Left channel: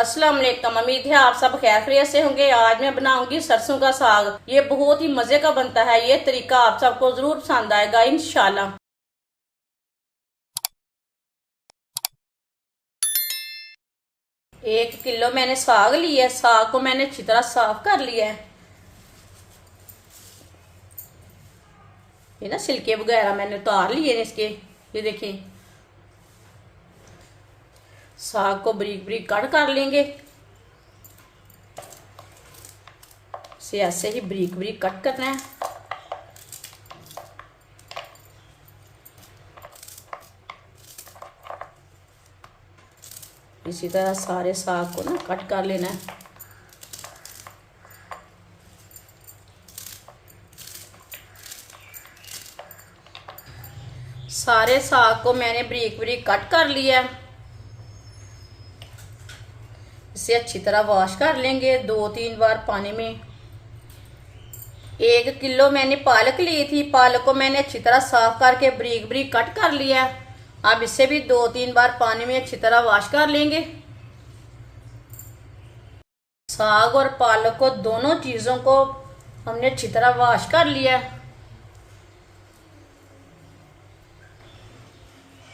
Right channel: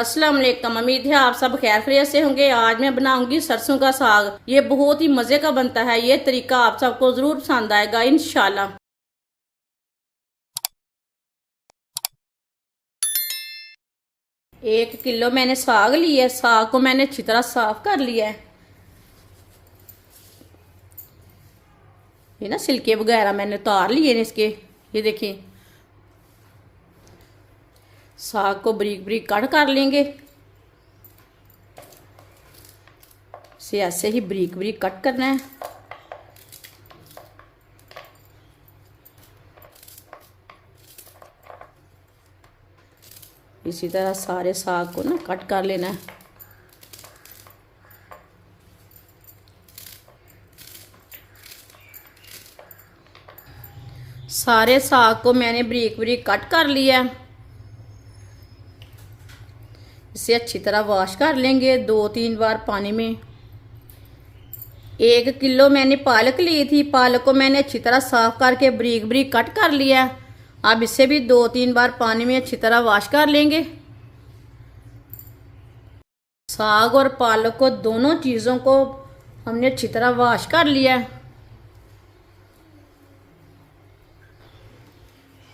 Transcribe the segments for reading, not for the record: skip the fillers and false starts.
अस्सलाम वालेकुम। उम्मीद है आप सब खैर खैरियत से होंगे। आज मैं बनाऊंगी सरसों का साग। ये बहुत ही मजे का बनता है। ये तरीका आप सबको जरूर पसंद आएगा इंशाल्लाह। 1 किलो मैंने साग लिया है। साग को मैंने अच्छी तरह साफ कर लिया है। ये ना छिलके वगैरह मैंने उतार लिए इसके। ये देखिए, साग को बारीक बारीक कट कर लेंगे। इसे ऐसे ही बारीक बारीक कट करना है। इसी तरह सारे साग को ना कट कर लेना है। सारे साग को मैंने बारीक बारीक कट कर लिया है। इसे अच्छी तरह वॉश कर लेंगे 2-3 बार पानी में। 1 किलो मैंने पालक ली थी। पालक को मैंने अच्छी तरह साफ करके बारीक बारीक कट कर लिया। अब इसे भी 2-3 बार पानी में अच्छी तरह वॉश कर लेंगे। साग और पालक को दोनों चीजों को हमने अच्छी तरह वॉश कर लिया।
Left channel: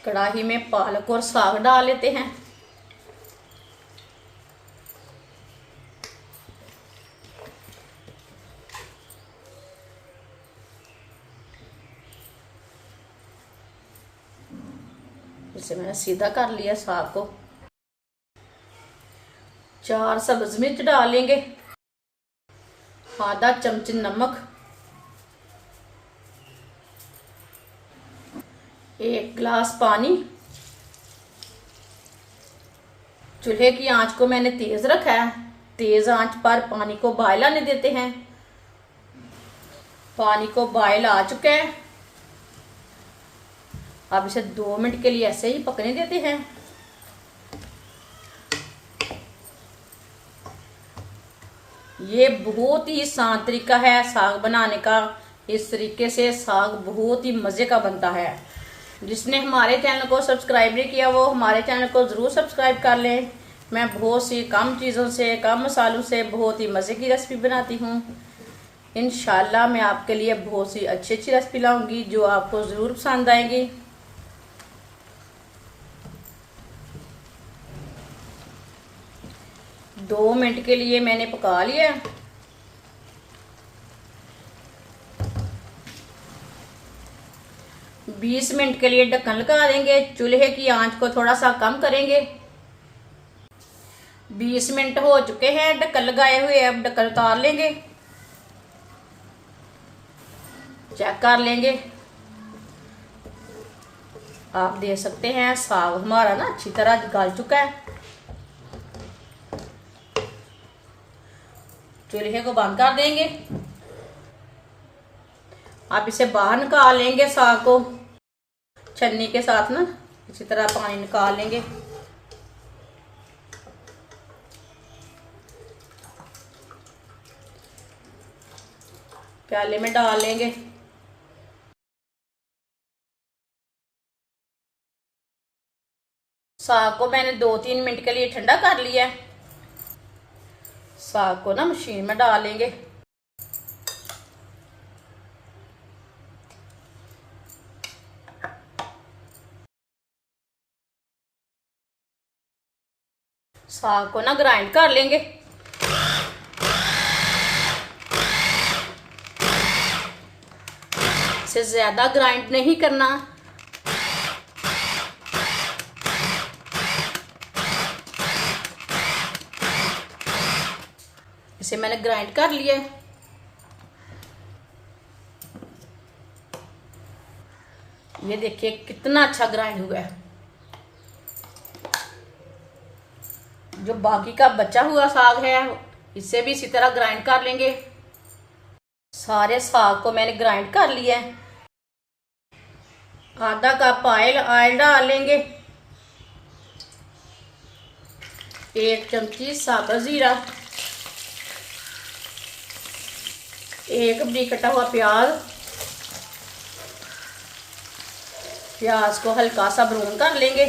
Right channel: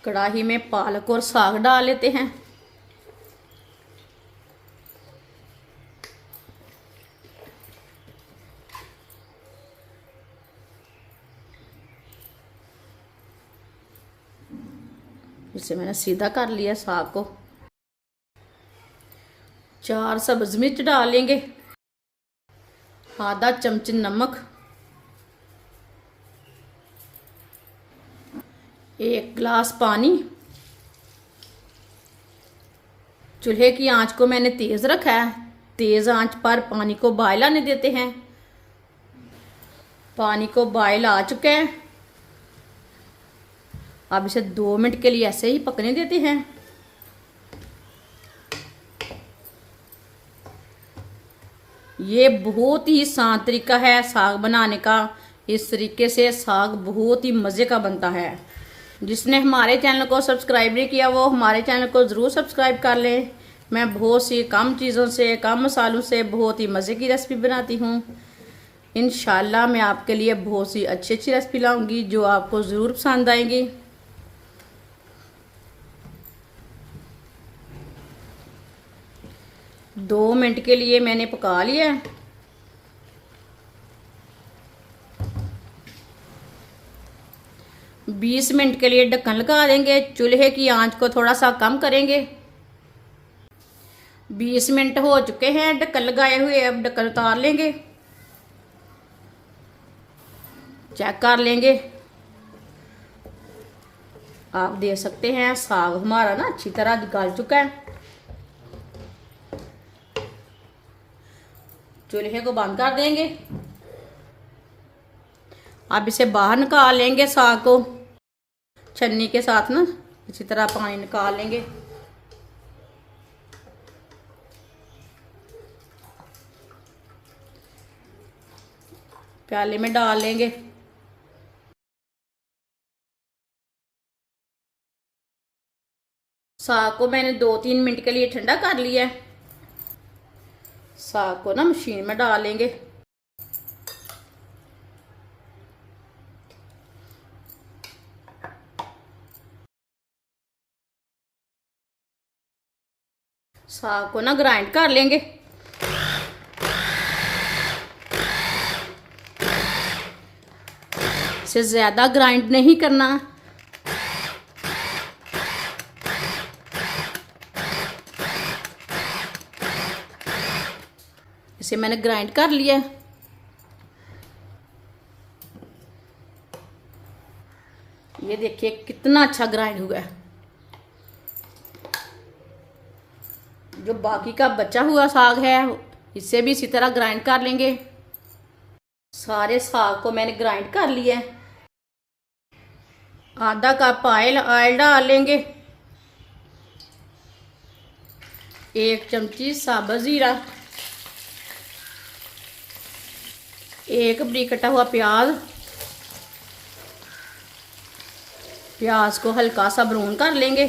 कढ़ाई में पालक और साग डाल लेते हैं। इसे मैंने सीधा कर लिया साग को। 4 सब्ज मिर्च डालेंगे। आधा चमच नमक। 1 गिलास पानी। चूल्हे की आंच को मैंने तेज रखा है। तेज आंच पर पानी को बॉयल आने देते हैं। पानी को बॉयल आ चुका है। अब इसे 2 मिनट के लिए ऐसे ही पकने देते हैं। ये बहुत ही आसान तरीका है साग बनाने का। इस तरीके से साग बहुत ही मजे का बनता है। जिसने हमारे चैनल को सब्सक्राइब नहीं किया वो हमारे चैनल को जरूर सब्सक्राइब कर ले। मैं बहुत सी कम चीज़ों से, कम मसालों से बहुत ही मज़े की रेसिपी बनाती हूँ। इंशाल्लाह मैं आपके लिए बहुत सी अच्छी अच्छी रेसिपी लाऊंगी जो आपको ज़रूर पसंद आएंगी। दो मिनट के लिए मैंने पका लिया। बीस मिनट के लिए ढक्कन लगा देंगे। चूल्हे की आंच को थोड़ा सा कम करेंगे। 20 मिनट हो चुके हैं ढक्कन लगाए हुए। अब ढक्कन उतार लेंगे। चेक कर लेंगे। आप देख सकते हैं साग हमारा ना अच्छी तरह गल चुका है। चूल्हे को बंद कर देंगे। अब इसे बाहर निकाल लेंगे। साग को छन्नी के साथ ना इसी तरह पानी निकाल लेंगे। प्याले में डाल लेंगे। साग को मैंने 2-3 मिनट के लिए ठंडा कर लिया है। साग को ना मशीन में डाल लेंगे। साग को ना ग्राइंड कर लेंगे। इसे ज्यादा ग्राइंड नहीं करना। इसे मैंने ग्राइंड कर लिया। ये देखिए कितना अच्छा ग्राइंड हुआ है। जो बाकी का बचा हुआ साग है इसे भी इसी तरह ग्राइंड कर लेंगे। सारे साग को मैंने ग्राइंड कर लिया है। आधा कप ऑयल डाल लेंगे। 1 चमची साबुत जीरा। 1 बारीक कटा हुआ प्याज। प्याज को हल्का सा ब्राउन कर लेंगे।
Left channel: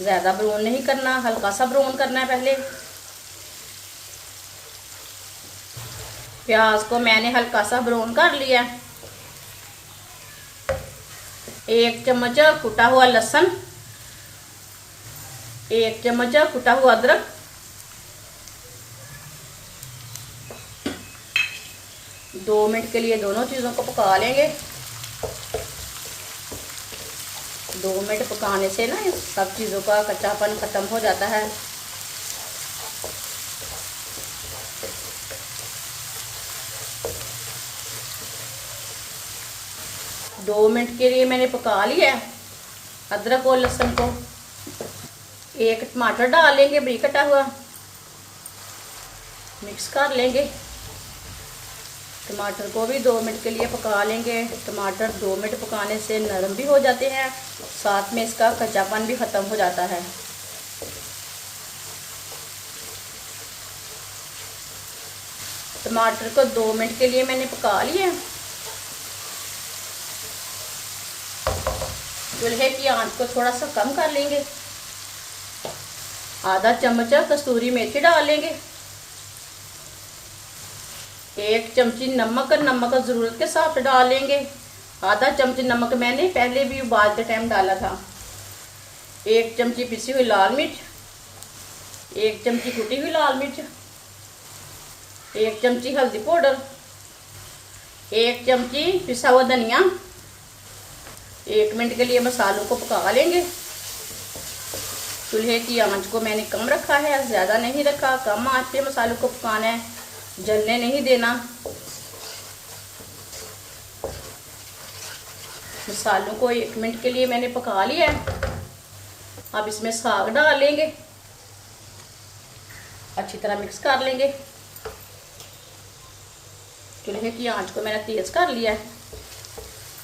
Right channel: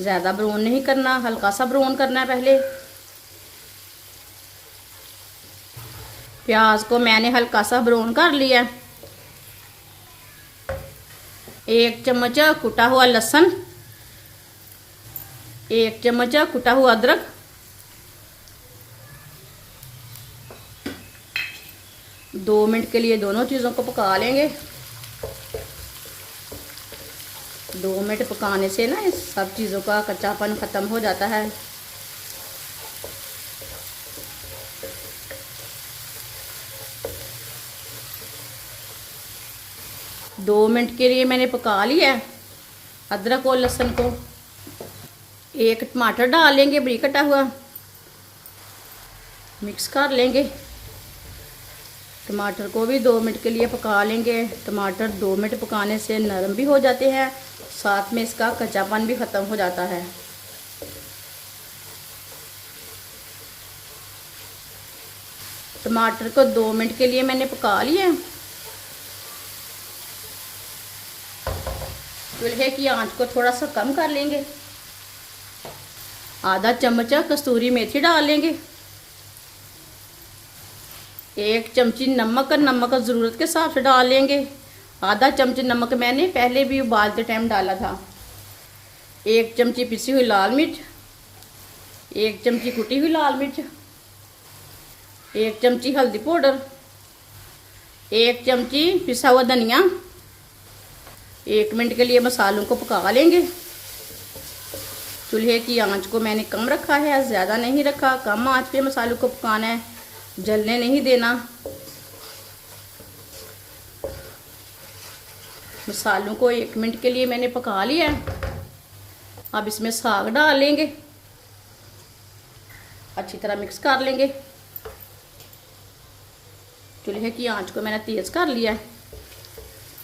ज्यादा ब्राउन नहीं करना, हल्का सा ब्राउन करना है पहले। प्याज को मैंने हल्का सा ब्राउन कर लिया। 1 चम्मच कुटा हुआ लहसुन, 1 चम्मच कुटा हुआ अदरक, 2 मिनट के लिए दोनों चीज़ों को पका लेंगे। 2 मिनट पकाने से ना इस सब चीज़ों का कच्चापन खत्म हो जाता है। दो मिनट के लिए मैंने पका लिया अदरक और लहसुन को। 1 टमाटर डाल लेंगे बारीक कटा हुआ, मिक्स कर लेंगे। टमाटर को भी 2 मिनट के लिए पका लेंगे। टमाटर 2 मिनट पकाने से नरम भी हो जाते हैं, साथ में इसका कच्चापन भी खत्म हो जाता है। टमाटर को 2 मिनट के लिए मैंने पका लिया। चूल्हे की आंच को थोड़ा सा कम कर लेंगे। आधा चम्मच कस्तूरी मेथी डाल लेंगे। 1 चमची नमक, नमक ज़रूरत के हिसाब से डाल लेंगे। आधा चमच नमक मैंने पहले भी उबालते टाइम डाला था। 1 चमची पिसी हुई लाल मिर्च, 1 चमची कुटी हुई लाल मिर्च, 1 चमची हल्दी पाउडर, 1 चमची पिसा हुआ धनिया। 1 मिनट के लिए मसालों को पका लेंगे। चूल्हे की आंच को मैंने कम रखा है, ज़्यादा नहीं रखा। कम आंच पे मसालों को पकाना है, जलने नहीं देना। मसालों को 1 मिनट के लिए मैंने पका लिया है। अब इसमें साग डाल लेंगे, अच्छी तरह मिक्स कर लेंगे। चूल्हे की आंच को मैंने तेज़ कर लिया है।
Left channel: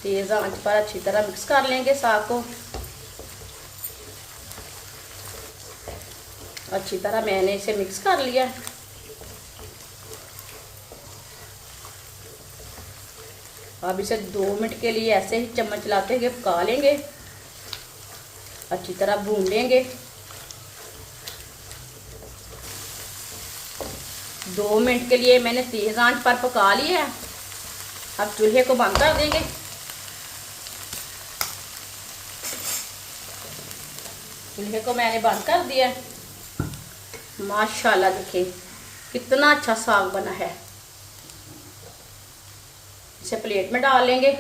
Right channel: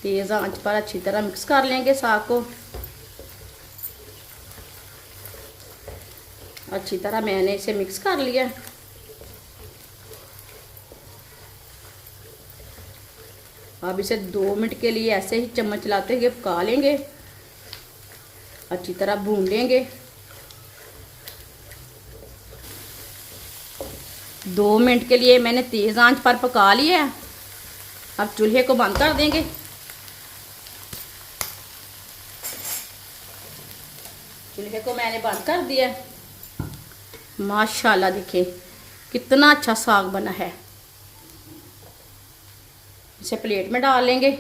तेज़ आंच पर अच्छी तरह मिक्स कर लेंगे साग को। अच्छी तरह मैंने इसे मिक्स कर लिया। अब इसे 2 मिनट के लिए ऐसे ही चम्मच चलाते हुए पका लेंगे, अच्छी तरह भून लेंगे। 2 मिनट के लिए मैंने तेज आंच पर पका लिया है। अब चूल्हे को बंद कर देंगे। चूल्हे को मैंने बंद कर दिया। माशाल्लाह देखिए कितना अच्छा साग बना है। इसे प्लेट में डाल लेंगे।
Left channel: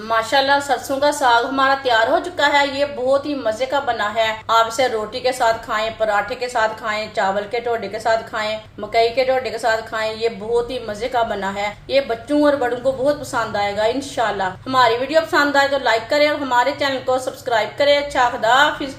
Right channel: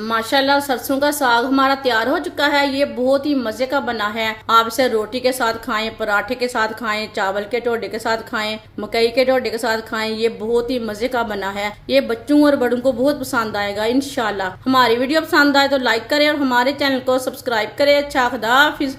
माशाल्लाह सरसों का साग हमारा तैयार हो चुका है। ये बहुत ही मजे का बना है। आप इसे रोटी के साथ खाएं, पराठे के साथ खाएं, चावल के टोडे के साथ खाएं, मकई के टोडे के साथ खाएं। ये बहुत ही मजे का बना है। ये बच्चों और बड़ों को बहुत पसंद आएगा इंशाल्लाह। हमारी वीडियो पसंद आए तो लाइक करें और हमारे चैनल को सब्सक्राइब करें। अच्छा खुदा हाफिज।